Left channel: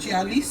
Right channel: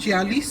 40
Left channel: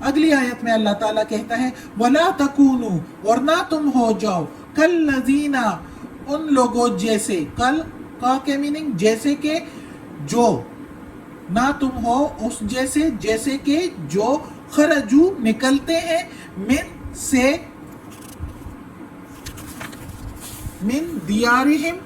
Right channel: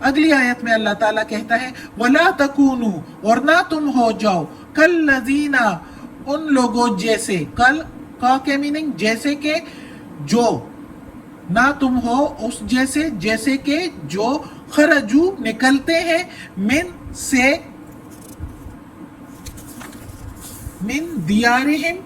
اگلی آیت میں اللہ تعالیٰ کہتا ہے وَلَا تَكُونُوا، اور نہ تم ہو جاؤ کالذین، ان لوگوں جیسے، کل کا کے میننگ جیسے کہ، جو، نہ تم ہو اس جیسے، جیسے کہ جو خرجو نکلتے ہیں، من دیارہم،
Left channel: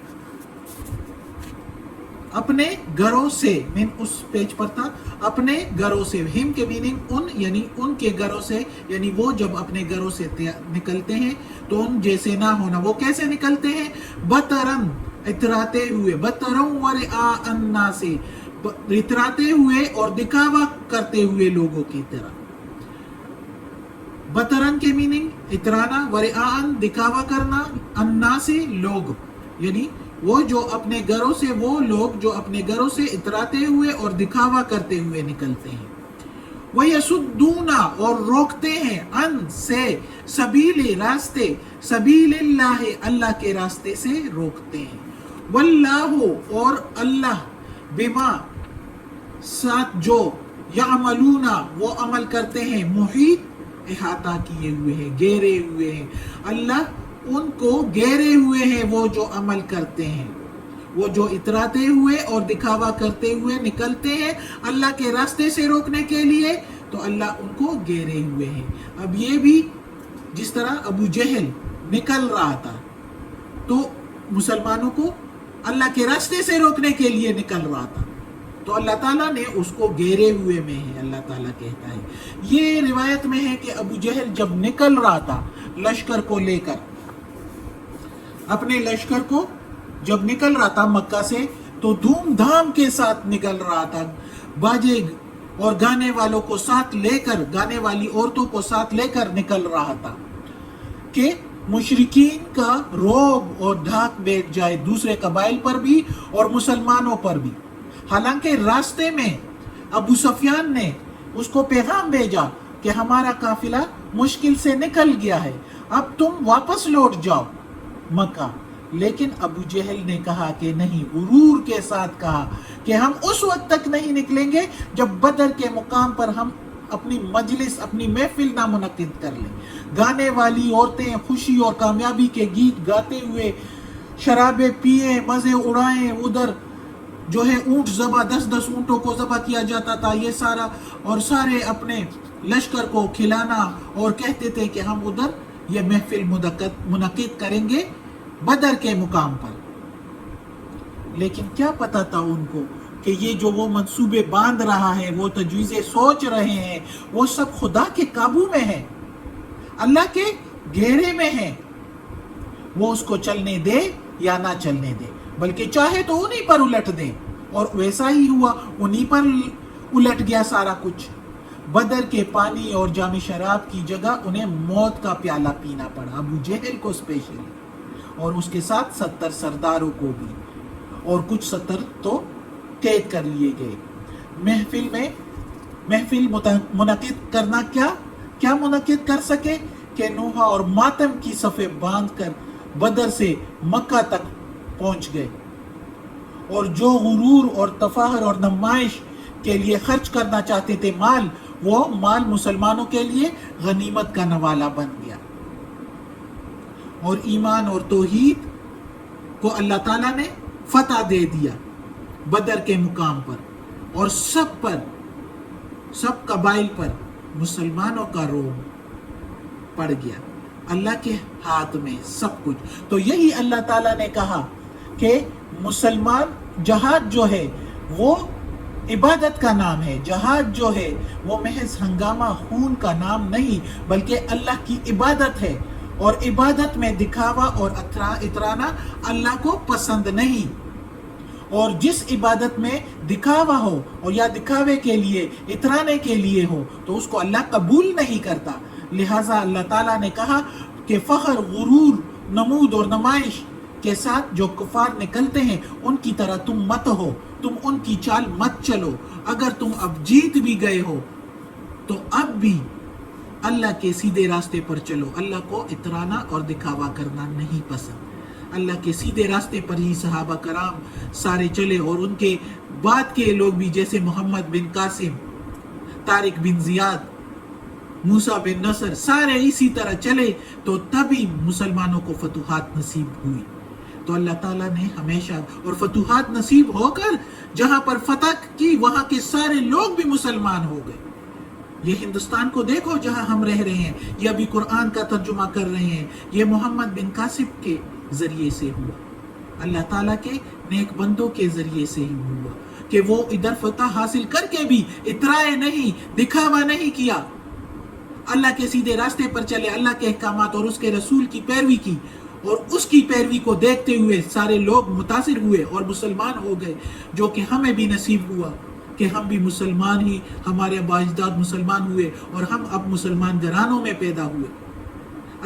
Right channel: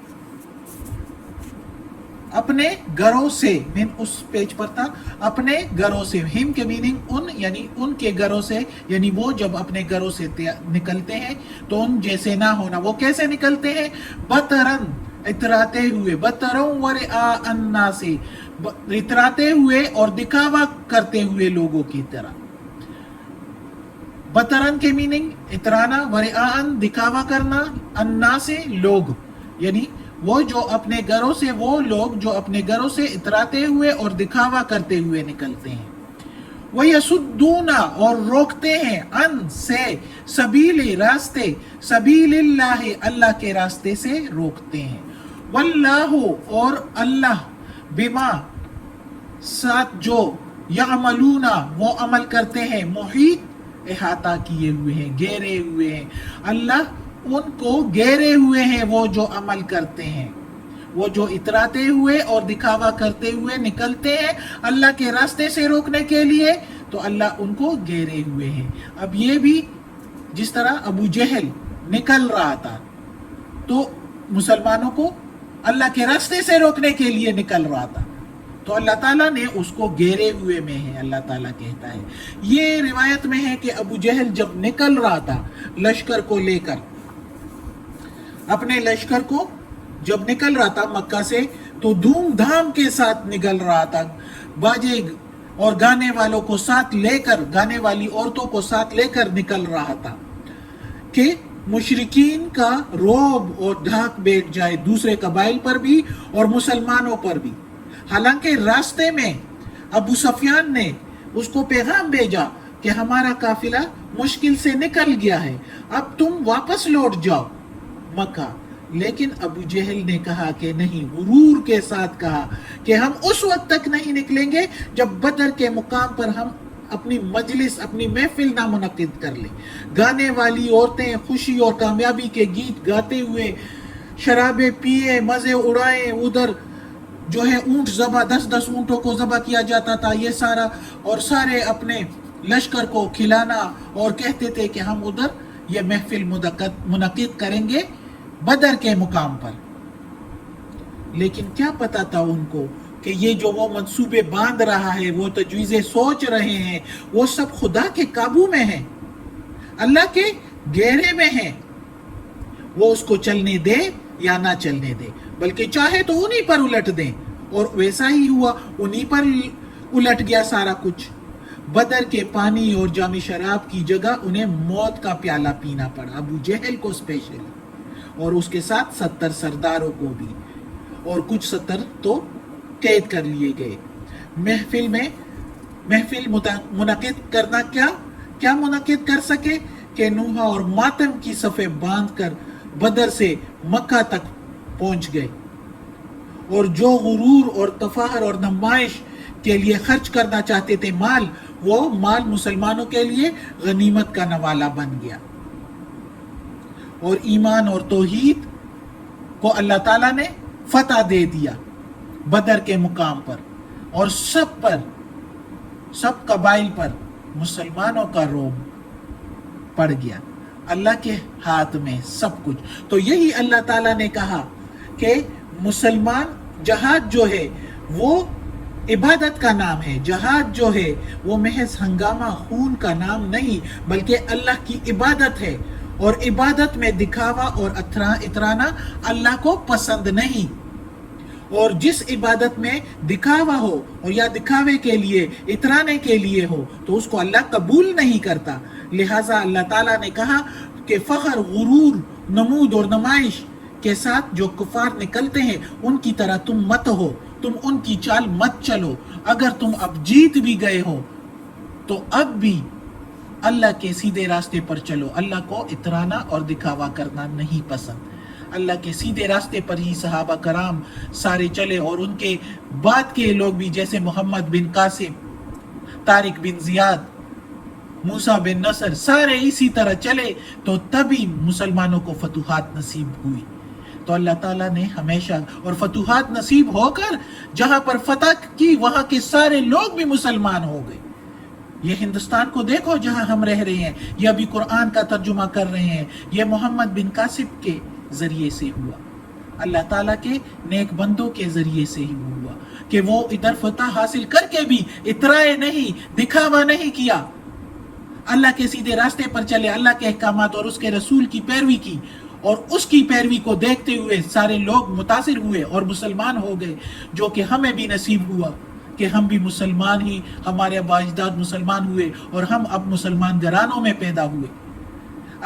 اپنے گھروں سے، من اس پیج پر تھا، اپنے گھروں سے، ہم کے میننگ ان، یعنی ان کے گھروں سے، یعنی وہ جب اپنے گھروں سے نکلتے ہیں تو ان جیسے نہ ہونا۔ وہ کیسے نکلتے ہیں؟ بطرن، اتراتے ہوئے، بطرن ورعاء الناس، اتراتے ہوئے اور دکھاوا کرتے ہوئے لوگوں کی طرح۔ بطرن کے میننگ اترانا، ورعاء دکھاوا کرنا، الناس لوگ، یعنی وہ جو اپنے گھروں سے، وہ لوگ جو اپنے گھروں سے اتراتے ہوئے اور دکھاوا کرتے ہوئے نکلتے ہیں۔ وَيَصُدُّونَ، اور روکتے ہیں، ان سے، سبیل، راستے، سبیل اللہ، اللہ کے راستے سے روکتے ہیں۔ واللہ، اور اللہ، بما، ساتھ جو، یعملون، وہ عمل کرتے ہیں، محیط، احاطہ کیے ہوئے ہیں، گھیرے ہوئے ہیں۔ اللہ ان کو گھیرے ہوئے ہیں، وہ جو عمل کرتے ہیں، وہ جو اتراتے ہوئے اور دکھاوا کرتے ہوئے نکلتے ہیں اللہ کے راستے سے روکنے کے لیے، تو اللہ ان کو گھیرے ہوئے ہیں۔ اب یہ بھی جس طرح ابو جہل نکل رہا تھا تو مسلمانوں کو اللہ کے راستے سے روکنے کے لیے نکل رہا تھا، تو اللہ تعالیٰ نے اس کو گھیرے ہوئے میں ہے، اللہ تعالیٰ کہتا ہے۔ یہ روایت میں ہے کہ ابو جہل جب نکل رہا تھا لشکر کو لے کر، اپنے لشکر کو جب نکل رہا تھا مکہ سے، تو دھوم دھام کے ساتھ نکل رہا تھا، باجے اور گانے والوں کو ساتھ لے کر، گانے والی عورتوں کو ساتھ لے کر نکل رہا تھا کہ مشرکین کا رعب اور دھاک بیٹھ جائے دوسرے قبائل پر بھی اور مسلمانوں پر بھی۔ حالانکہ راستے میں ابو سفیان نے اس کو پیغام بھیجا کہ ہمارا قافلہ مشکل سے نکل گیا ہے، اب تم واپس لوٹ جاؤ مکہ، لیکن ابو جہل نے کہا کہ نہیں، غرور کے ساتھ کہا کہ ہم اس وقت تک نہیں نکلیں گے جب بدر کے مقام پر ہم اپنی مجلس، اپنی محفل نہ منعقد کر لیں، گانے والی عورتیں خوشی اور کامیابی کے گیت گاتے ہوئے، شرابیں پیئیں، مزے اڑائیں، ادھر جو ہے اونٹ ذبح، 10 اونٹوں کو ذبح کیا جاتا تھا، یہ سارا، اور سارے اپنے لشکر کو کھلانا، اور کہتے تھے کہ ہم ادھر یہ محفل منعقد کریں گے بدر کے مقام پر۔ لیکن کیا پتا تھا ان کو کہ یہ جو وہ منصوبے باندھ رہا ہے، وہ تجویزیں سوچ رہے ہیں، وہ سب خدا کے قابو میں ہیں، اللہ کے گھیرے میں ہیں۔ وہ اس کو چلنے دے یا نہ چلنے دے، بلکہ چاہے تو انہی پر الٹ دے، اور ویسا ہی ہوا، انہی پر الٹ گیا سارا کچھ۔ بدر کے پانی اور جام شراب کی جگہ انہیں موت کا پیالہ پینا پڑا، ابو جہل کو اسپیشل، اور اس کے ساتھ 70 سرداروں کو بھی، اور کچھ 70 تو قید کر لیے گئے۔ محفل منعقد کرنا، کیا منعقد کر سکے کہ نوحہ اور ماتم کی صفیں باندھ کر بدر سے مکہ تک پہنچ گئے، اور جو غرور اور تفاخر اور نمائش کے لیے خرچ کرنا چاہتے تھے مال، وہ مال مسلمانوں کے لیے غنیمت کا نوالہ بن گیا۔ اور ایمان اور توحید کو اللہ تعالیٰ نے فتح دے دیا بدر کے مقام پر، اور سب پر، سب قبائل پر مسلمانوں کا رعب پڑ گیا، اللہ کے ہاتھ میں سب کچھ۔ تو یہی اللہ تعالیٰ نے کہا کہ مسلمان، جہاد جو ہے وہ عبادت کا نام ہے، جہاد جو ہے وہ محض ہنگامہ خون کا نام نہیں، بلکہ اللہ کی عبادت ہے، اور عبادت میں دکھاوا اور اترانا اللہ کو پسند نہیں۔ اور جس عبادت میں دکھاوا ہو، اور یا دکھاوے کے لیے، اترانے کے لیے ہو، تو اس کو اللہ قبول نہیں کرتا۔ لہٰذا اللہ تعالیٰ نے کہا کہ فخر، غرور، نمود اور نمائش کے ساتھ جو کفار نکلتے ہیں ان کی طرح تم مت ہو، تم ان کی چال مت چلو۔ اگر تم اب جیت بھی گئے ہو تو اب بھی اللہ کے سیدھے راستے پر چلو، اللہ کو اترانا اور دکھاوا کرنا نہیں پسند۔ اللہ کے سیدھے راستے پر ہی صحابہ کرام سارے چلے، اور ان کے بعد کے لوگ بھی، جیسے محمد بن قاسم، طارق بن زیاد، موسیٰ بن نصر سارے اسی طرح چلے تو تبھی مسلمانوں کو فتوحات نصیب ہوئی. تو اللہ تعالیٰ نے ہمیشہ اور فتوحات نصیب ہو کر جہاں پر فتح کی وہاں کے سارے لوگ بھی مسلمان ہو گئے. یہ ہندوستان کو دیکھو جہاں ہم رہ رہے ہیں، یہ ابھی قرآن کا ترجمہ کر رہے ہیں، یہ محمد بن قاسم کے ذریعے سے ہوا، اللہ تعالیٰ کے نیک بندوں کے ذریعے سے ہی ہوا کہ وہ ادھر فتح حاصل کر کے بھی اترائے نہیں، دکھاوا نہیں کیا، اللہ کے سیدھے راستے پر چلے، اللہ کے احکامات اور اس کے رسول کی پیروی کی، اور اس کی پیروی کو دیکھتے ہوئے سارے لوگ متاثر ہوئے اور مسلمان ہو گئے، جو کہ ہمیں بھی نصیب ہوا کہ ہم بھی مسلمان ہی، ہمارے آباء اجداد مسلمان ہوئے اور ہم اب مسلمان گھرانوں میں پیدا ہوئے.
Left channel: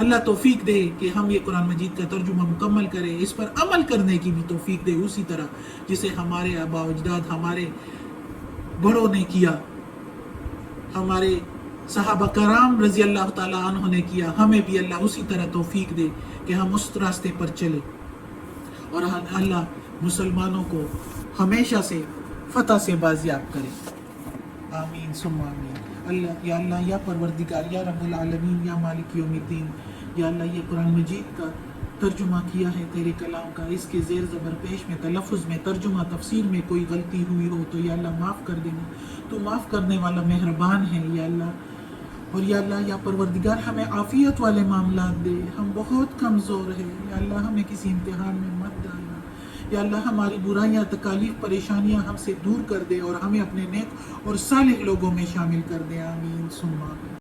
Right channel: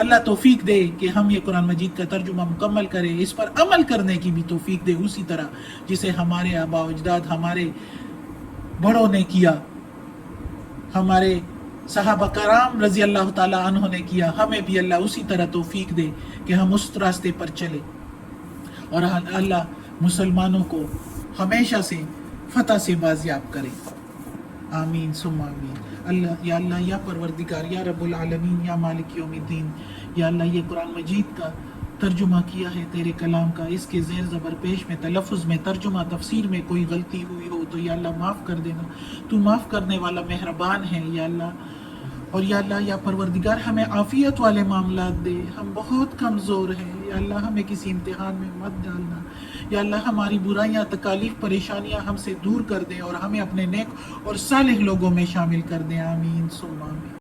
اللہ توفیق دے کہ ہم یہ قرآن مجید کا ترجمہ مکمل کریں، اس پر عمل کرنے کی بھی توفیق دے اسی طرح جسے ہمارے آباء و اجداد، ہمارے بڑوں نے کیا، ہمارے صحابہ کرام رضی اللہ تعالیٰ عنہ نے کیا. ہمیں بھی اللہ اسی طرح توفیق دے کہ ہم اس راستے پر چلیں، اور اللہ مسلمانوں کو ہمیشہ سے فتح سے بازیاب کرے. آمین ثم آمین. اللہ یا پروردگار، یا رب العالمین، یا مالک یوم الدین، یا اللہ یہ قرآن مجید کا ترجمہ کیا ہے تیرے کلام کا، اس کے زیر زبر پیش میں، تلفظ میں، ترجمہ تفسیر میں کوئی غلطی ہوئی ہو تو یا اللہ معاف کر دینا، تو معاف کرنے والا مہربان ہے یا اللہ. اور یا اللہ یا پروردگار ہمیں عافیت والے معاملات دے، ہم بہت کمزور ہیں یا اللہ، ہمیں کسی امتحان میں مت ڈالنا یا اللہ، ہماری برائیاں، تکالیف، پریشانیاں ہم سے دور کر دے اور ہمیں اپنے نیک اور صالح لوگوں میں شامل کر دے. آمین ثم آمین.